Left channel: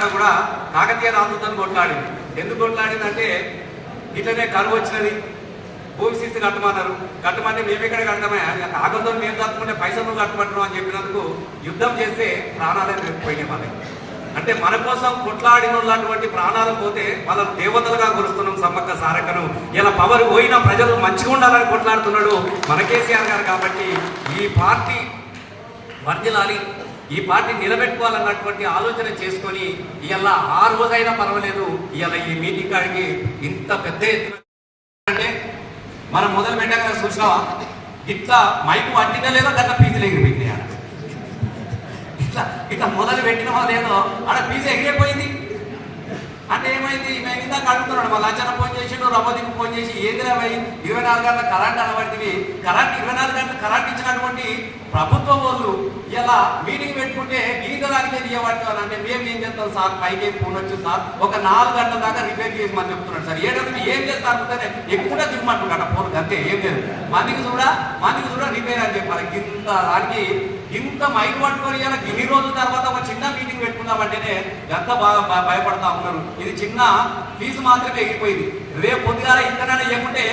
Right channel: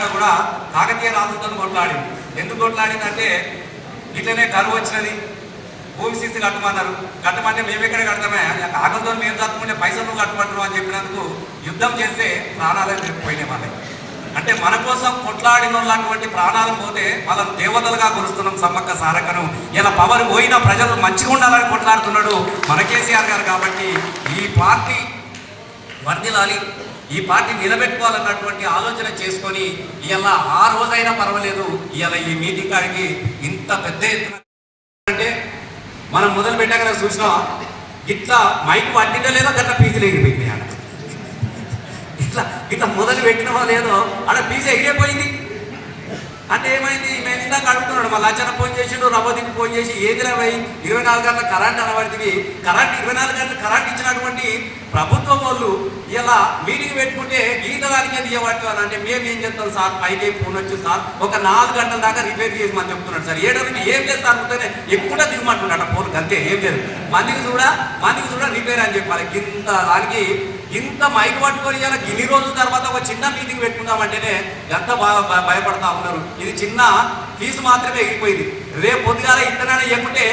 శాఖ కూడా కాకతీయ రాజుతో కొట్లాడింది. ఎందుకు కొట్లాడిందంటే ఇట్లనే కరువు వచ్చినది. భూమి సీసీ కట్టమన్నారు. కట్టమంటే మేము ఎక్కడ కడతామే? కాగలతో మేము దాచుకుంటే పైసలు కట్టమంటారు అని చెప్పినందుకు యుద్ధం చేస్తే ప్రాణాలను చెప్పిపోయినాయి మనకి అంటే మన కోసం కొట్లాడిన లాంటి ప్రాణాలు పోతే వాళ్ళ దేవతలుగా కొలుస్తున్నాం సమ్మక్క సారక్కను. ఇలా పవర్ పోయిన ప్రజలు మంచిగా ఉండాలని కొట్లాడుతున్నాడు మన కేసీఆర్ గారు కాబట్టి ఈ పార్టీ వర్దిలాలి ఈ పార్టీ నిలబెట్టుకోవాలన్నటువంటి ఆలోచన చేసుకొని ఇలా ఆ రోజైనా పర్వాలేదు. ఇలా ఈ మీటింగ్ కాడికి ఇంత పెద్ద ఎత్తున అంటే మనం మొదలు పెట్టాక కదా చూసాం ఇట్లా మైక్ పట్టినా లేదో గట్ల పీజీలు ఎగిరిపోయినాయి ఇట్లా ఇట్లా మొదలు పెట్టినమో లేదో ఆడ పీజీ ఎగిరిపోయింది అంటే ఏమైంది? మేము ఇందాక అంటున్నాడు మా అచ్చన ఫోన్ చేసిండు రవ్వదికి ఫోన్ చేసి ఏది ఇరవై నాలుగు గంటల కరెంట్ అనబడితే కరెంట్ ఇరవై నాలుగు గంటల కదా మీటింగ్ పెట్టుకుంటే గీత దానికే అంటే మేము ఏం చేస్తాం సార్? పైకి ఫోన్ వచ్చి సార్ ఒక నాలుగు గంటల దాకా రిపేర్ చేసి చెప్తున్నాడు సార్. ఏడాది ఏం లేదు సార్ ఉంటే ఎక్కువ దిగమంటున్నాడు ఫోన్ అంతే ఏం లేదు. మందికి కూడా మందికి కూడా రిపేర్ అని చెప్పాలి. ఇంత దానికి ఇంత మైక్ పట్టుకొని ఇలా ఇన్ని రోజుల తర్వాత ఒక చిన్న మీటింగ్ పెట్టుకుందామంటేనే ఎంత బాగా భయపడతా ఉన్నారు. ఇది చిన్న ఫీజు మాత్రమే ఎగిరిపోయింది. రేపు పొద్దుగాల ఇంతనైనా ఏముంటే